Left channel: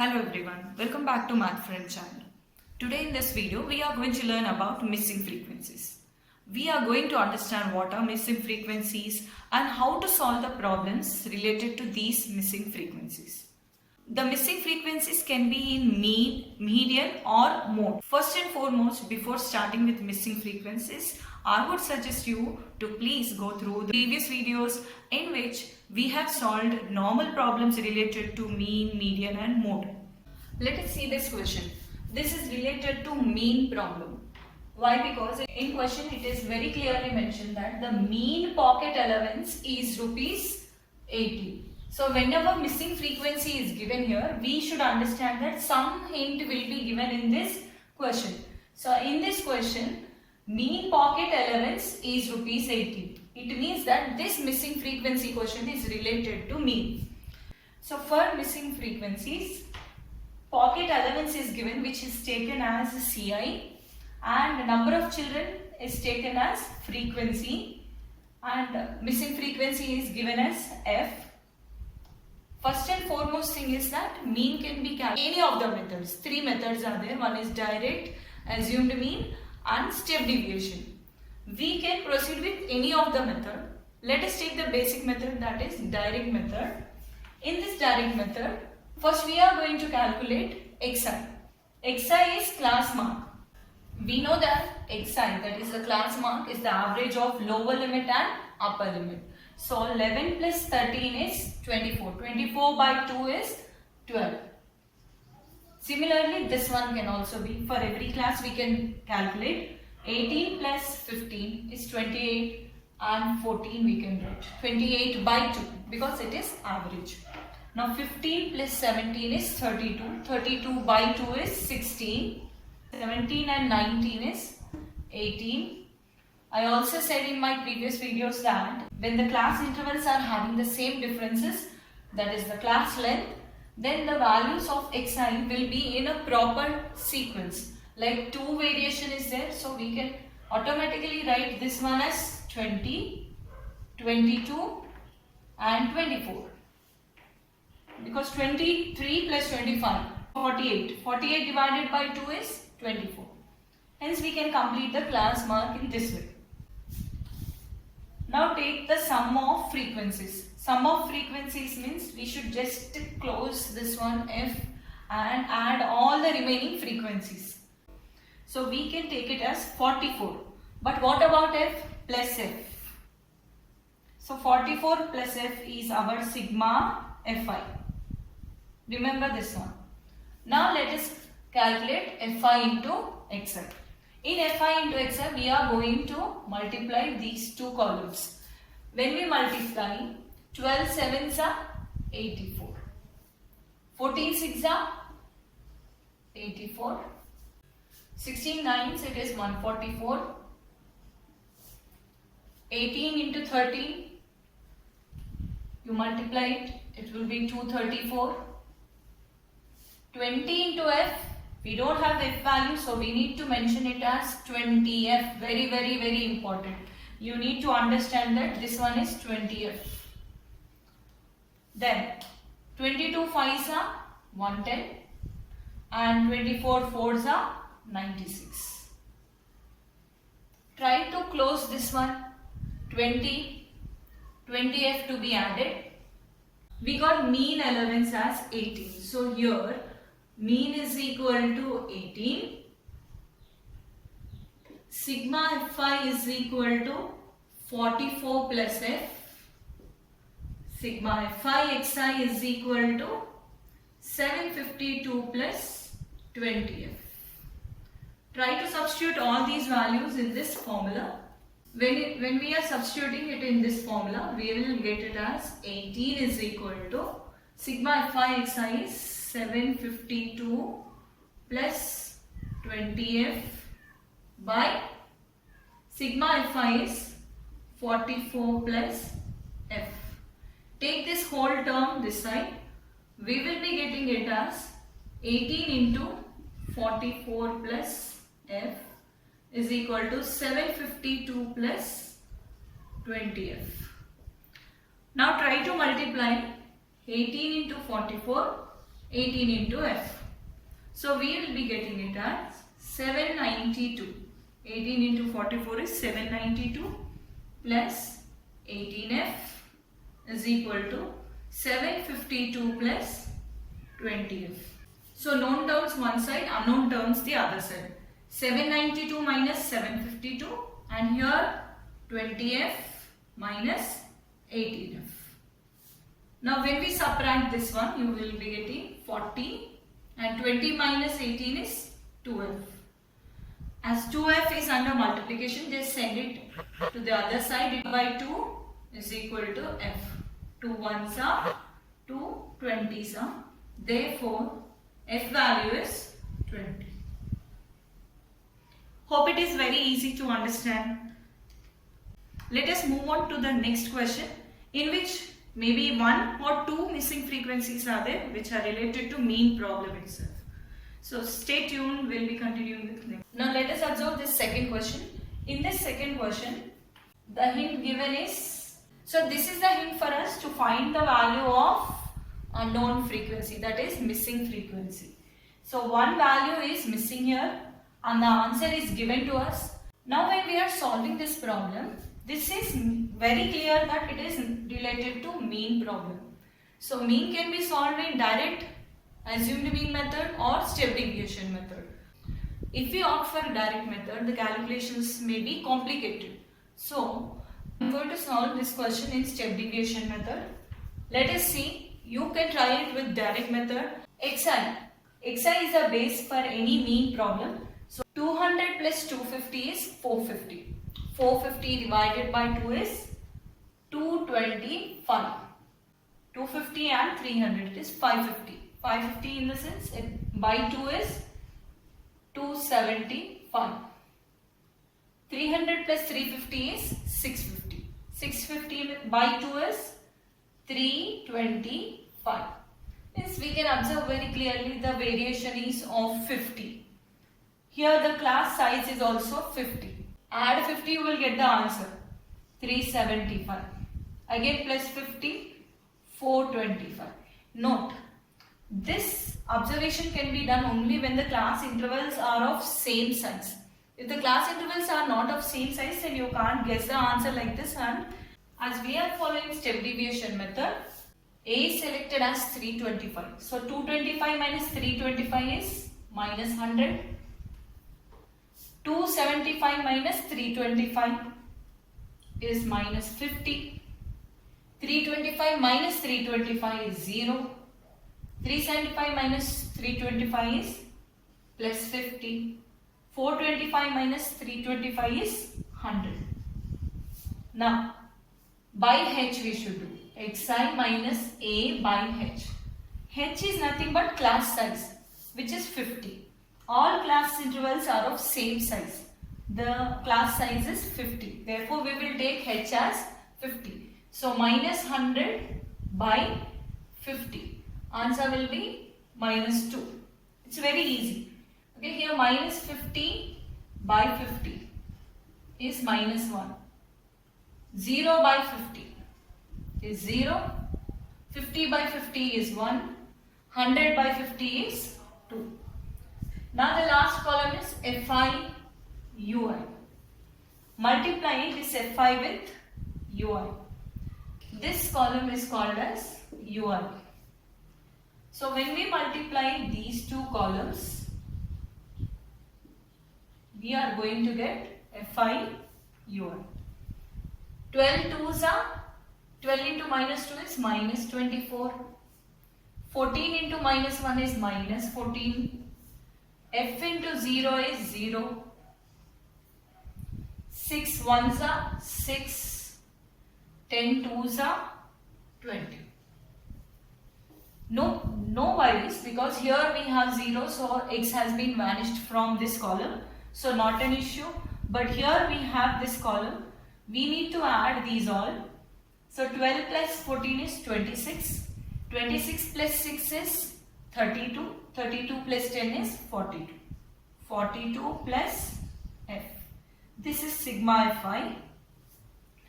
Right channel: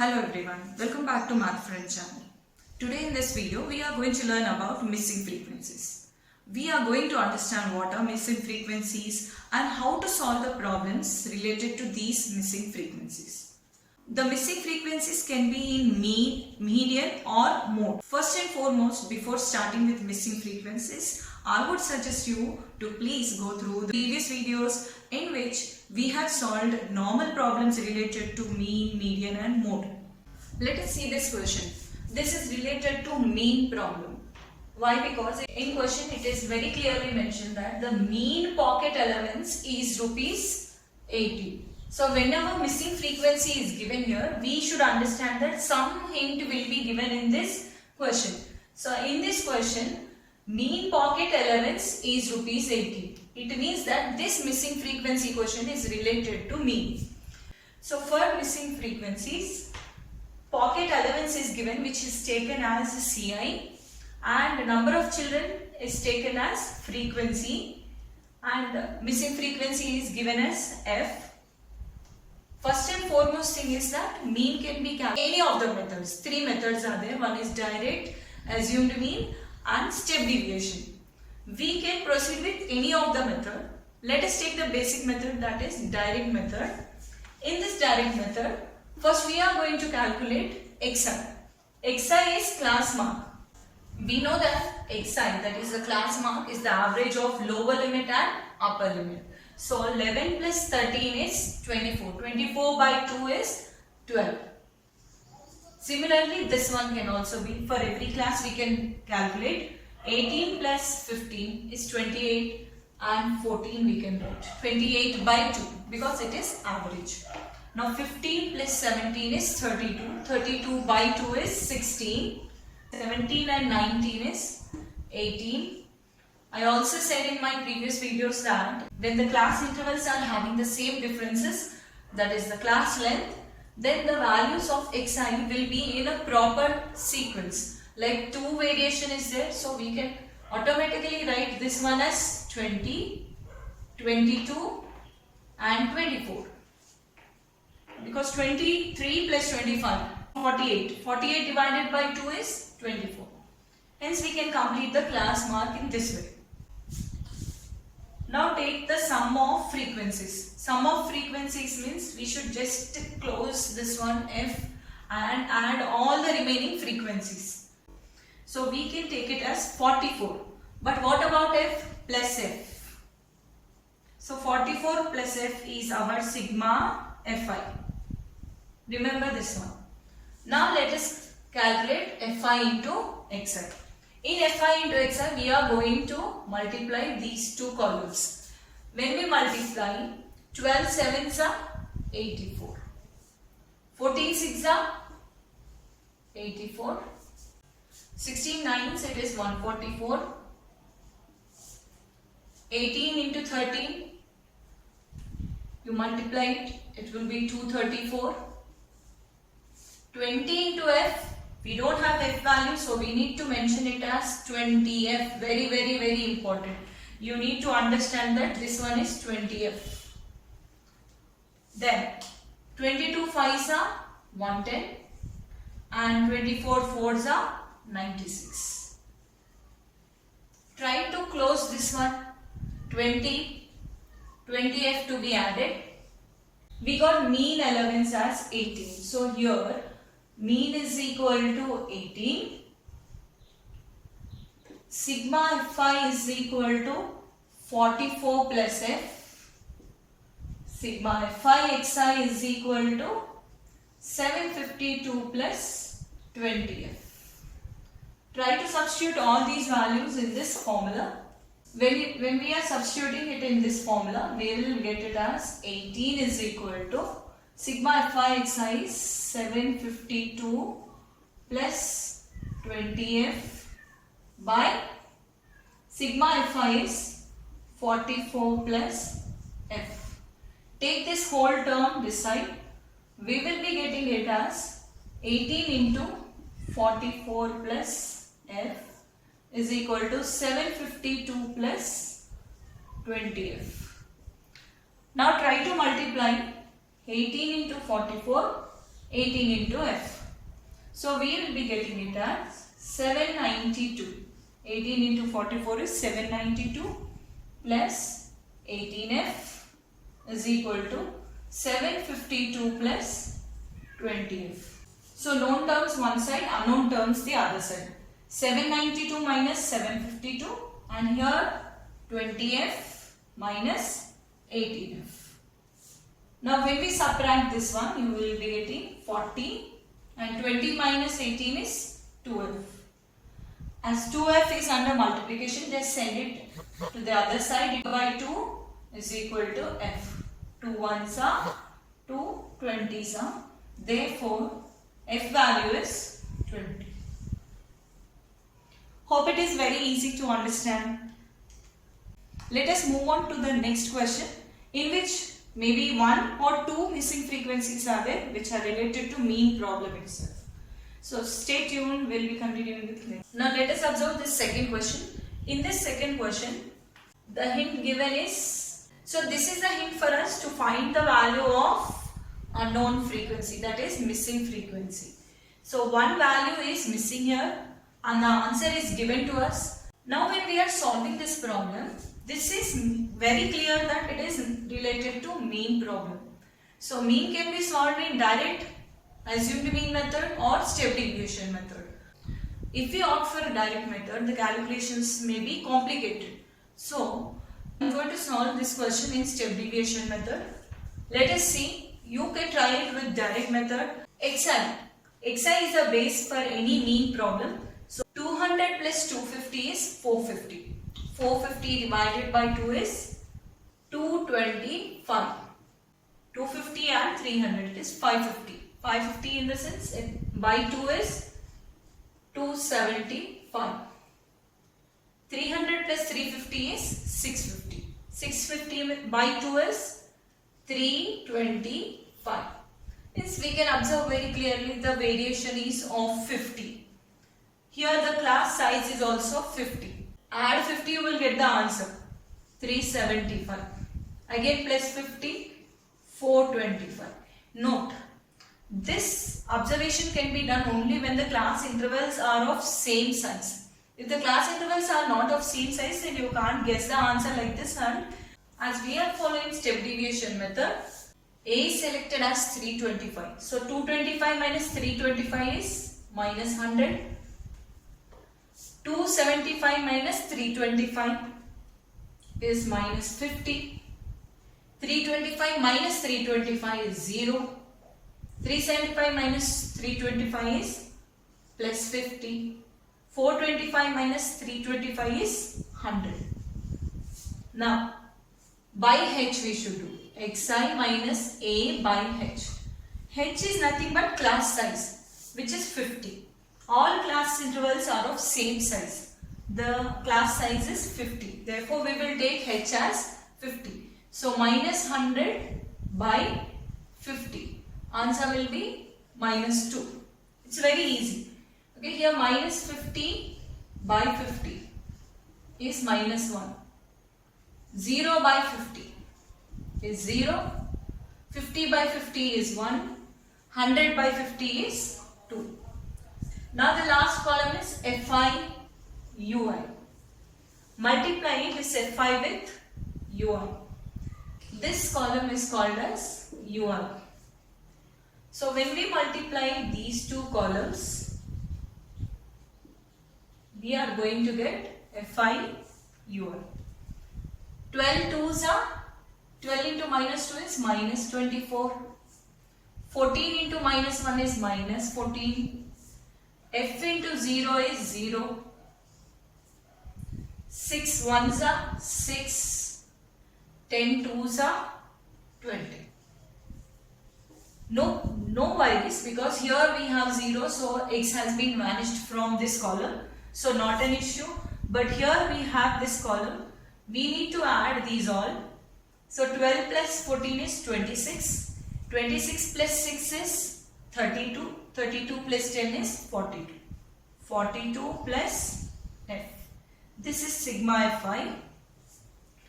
Hello everyone, welcome back to Math Friends channel. Today in this video we are going to learn about missing frequencies. We are going to understand what are missing frequencies and how to solve the problems related to these missing frequencies. The missing frequencies can be in mean, median or mode. First and foremost, before starting with missing frequencies, I would suggest you to please go through the previous videos in which we have solved normal problems related to mean, median and mode. Let us see this question. This is related to mean problem. Why? Because in question it is very clearly mentioned that the mean pocket allowance is rupees 80. So whenever missing frequency is given here, we should understand that some hint will be given in this question. So in this question, mean pocket allowance is rupees 80. It means that this missing frequency question is related to mean. So for missing frequencies, pocket allowance is given, which is taken as CI, and number of children is taken as frequency, and missing frequency is given as F. First and foremost thing is that mean can be calculated. Any of the methods, three methods are there. One is direct, assumed mean and step deviation. We can proceed with any of the method. Let us take the basic method, that is direct method. In this direct method, first we are going to calculate XI. XI is class mark. We know that XI, that is the class mark, is the average of lower limit and upper limit. So 11 plus 13 is 24. 24 by 2 is 12. Similarly, this one can also be, for every class we can calculate 18 plus 15 is 28 and 14 we can write 28 by 2 because it is average. Now 15 plus 17 is 32. 32 by 2 is 16. 17 and 19 is 18. I also said in my previous videos that when the class intervals are having the same differences, that is the class length, then the values of Xi will be in a proper sequence. Like 2 variation is there, so we can automatically write this one as 20, 22 and 24. Because 23 plus 25, 48. 48 divided by 2 is 24. Hence we can complete the class mark in this way. Now take the sum of frequencies. Sum of frequencies means we should just close this one F and add all the remaining frequencies. So we can take it as 44. But what about F plus F? So 44 plus F is our sigma Fi. Remember this one. Now let us calculate Fi into Xi. In Fi into Xi, we are going to multiply these two columns. When we multiply, 12 sevens are 84. 14 sixes are 84. 16 nines, it is 144. 18 into 13, you multiply it, it will be 234. 20 into F, we don't have F value, so we need to mention it as 20F. Very important. You need to understand that this one is 20F. Then 22 5s are 110 and 24 4s are 96. Try to close this one. 20F to be added. We got mean allowance as 18. So here mean is equal to 18. Sigma Fi is equal to 44 plus F. Sigma Fi Xi is equal to 752 plus 20F. Try to substitute all these values in this formula. When we are substituting it in this formula, we will get it as 18 is equal to sigma Fi Xi is 752 plus 20F by sigma Fi is 44 plus F. Take this whole term this side. We will be getting it as 18 into 44 plus F is equal to 752 plus 20F. Now try to multiply 18 into 44 18 into f. So we will be getting it as 792. 18 into 44 is 792 plus 18f is equal to 752 plus 20f. So known terms one side, unknown terms the other side. 792 minus 752 and here 20f minus 18f. Now when we subtract this one, you will be getting 40 and 20 minus 18 is 12. As 2f is under multiplication, just send it to the other side. By 2 is equal to f. 2 ones are 2 20s are. Therefore, f value is 20. Hope it is very easy to understand. Let us move on to the next question, in which maybe one or two missing frequencies are there which are related to mean problem itself. So stay tuned, we'll be continuing with next. Now let us observe this second question. In this second question, the hint given is, so this is the hint for us to find the value of unknown frequency, that is missing frequency. So one value is missing here and the answer is given to us. Now when we are solving this problem, this is very clear that it is related to mean problem. So mean can be solved in direct assumed mean method or step deviation method. If we opt for direct method, the calculations may be complicated. So I am going to solve this question in step deviation method. Let us see. You can try it with direct method. xi is a base for any mean problem. So 200 plus 250 is 450. 450 divided by 2 is 225. 250 and 300 is 550. 550 in the sense by 2 is 275. 300 plus 350 is 650. 650 by 2 is 325. Means we can observe very clearly the variation is of 50. Here the class size is also 50. Add 50, you will get the answer 375. Again plus 50, 425. Note, this observation can be done only when the class intervals are of same size. If the class intervals are not of same size, then you can't guess the answer like this one. As we are following step deviation method, A is selected as 325. So 225 minus 325 is minus 100. 275 minus 325 is minus 50. 325 minus 325 is 0. 375 minus 325 is plus 50. 425 minus 325 is 100. Now, by h we should do. xi minus a by h. h is nothing but class size, which is 50. All class intervals are of same size. The class size is 50. Therefore, we will take h as 50. So, minus 100 by 50. Answer will be minus 2. It's very easy. Okay, here minus 50 by 50 is minus 1. 0 by 50 is 0. 50 by 50 is 1. 100 by 50 is 2. Now the last column is Fi Ui. Multiply this Fi with Ui. This column is called as Ui. So when we multiply these two columns, we are going to get Fi Ui. 12 2s are 12 into minus 2 is minus 24. 14 into minus 1 is minus 14. F into 0 is 0. 6 1s are 6. 10 2s are 20. No worries, because here we have 0, so x has been vanished from this column. So not an issue. But here we have this column. We need to add these all. So 12 plus 14 is 26. 26 plus 6 is 32. 32 plus 10 is 42. 42 plus f. This is sigma Fi.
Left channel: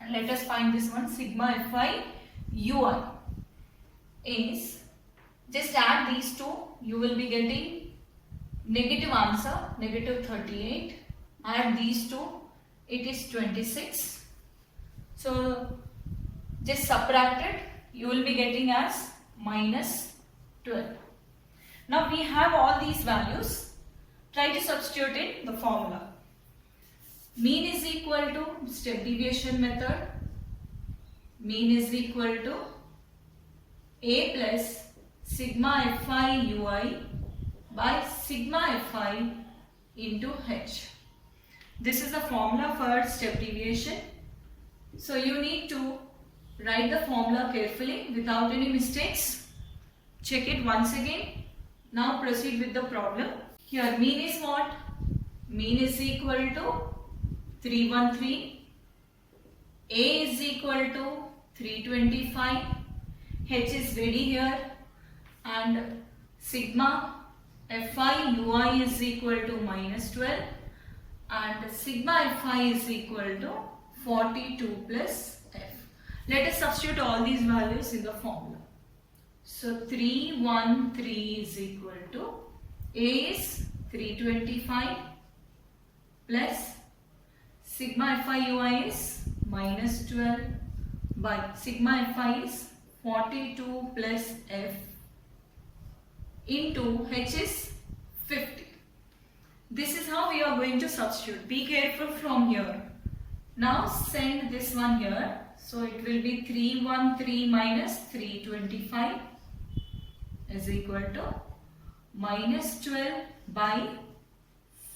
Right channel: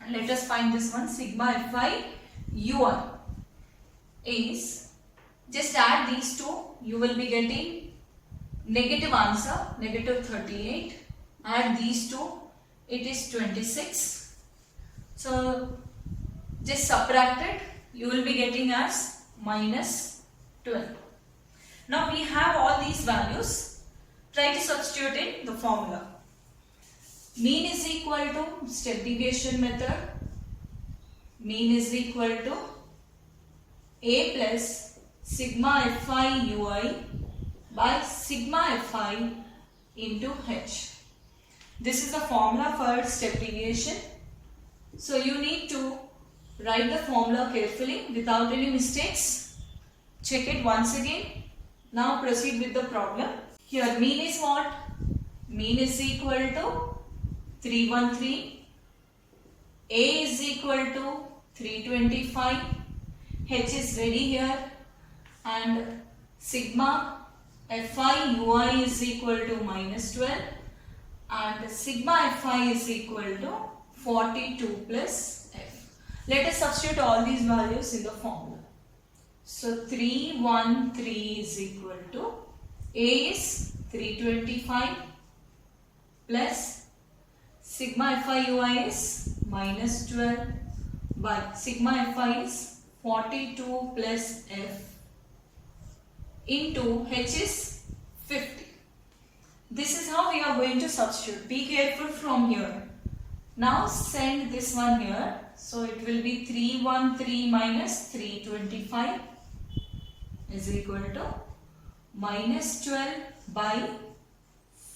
And let us find this one. Sigma Fi Ui is Just add these two, you will be getting negative answer, negative 38. Add these two, it is 26. So just subtract it, you will be getting as minus 12. Now we have all these values. Try to substitute in the formula. Mean is equal to step deviation method. Mean is equal to A plus sigma fi ui by sigma fi into h. This is the formula for step deviation. So you need to write the formula carefully without any mistakes. Check it once again. Now proceed with the problem. Here mean is what? Mean is equal to 313. A is equal to 325. H is ready here. And sigma fi ui is equal to minus 12. And sigma fi is equal to 42 plus f. Let us substitute all these values in the formula. So 313 is equal to A is 325 plus sigma fi ui is minus 12 by sigma fi is 42 plus f into h is 50. This is how we are going to substitute. Be careful from here. Now send this one here. So it will be 313 minus 325 is equal to minus 12 by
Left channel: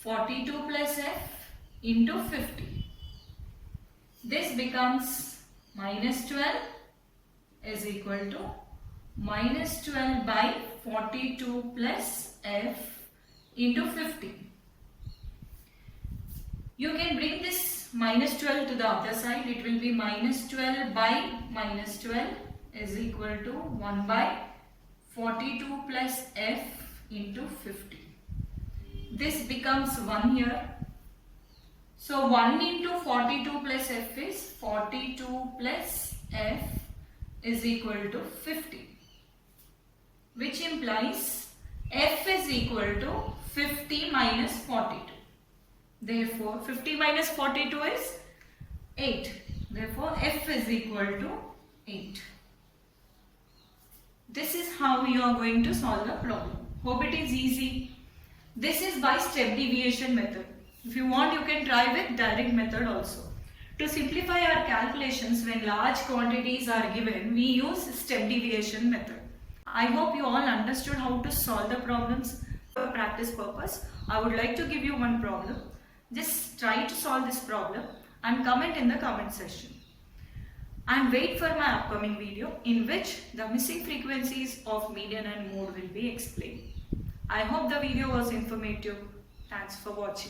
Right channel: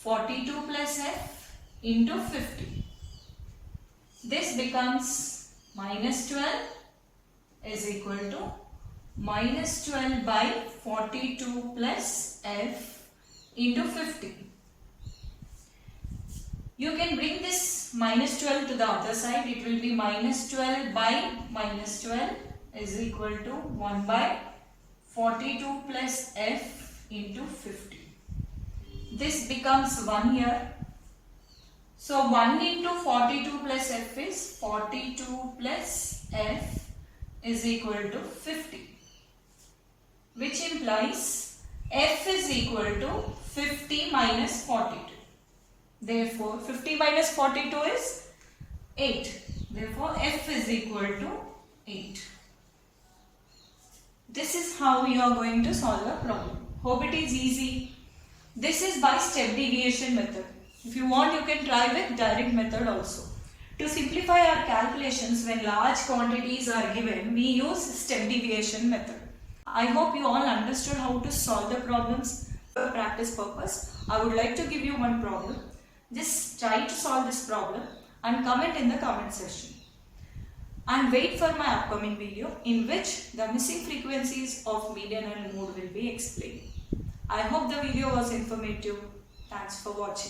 42 plus f into 50. This becomes minus 12 is equal to minus 12 by 42 plus f into 50. You can bring this minus 12 to the other side. It will be minus 12 by minus 12 is equal to 1 by 42 plus f into 50. This becomes 1 here. So 1 into 42 plus f is 42 plus f is equal to 50. Which implies f is equal to 50 minus 42. Therefore, 50 minus 42 is 8. Therefore, f is equal to 8. This is how we are going to solve the problem. Hope it is easy. This is by step deviation method. If you want, you can try with direct method also. To simplify our calculations when large quantities are given, we use step deviation method. I hope you all understood how to solve the problems for practice purpose. I would like to give you one problem. Just try to solve this problem and comment in the comment section. And wait for my upcoming video in which the missing frequencies of median and mode will be explained. I hope the video was informative. Thanks for watching.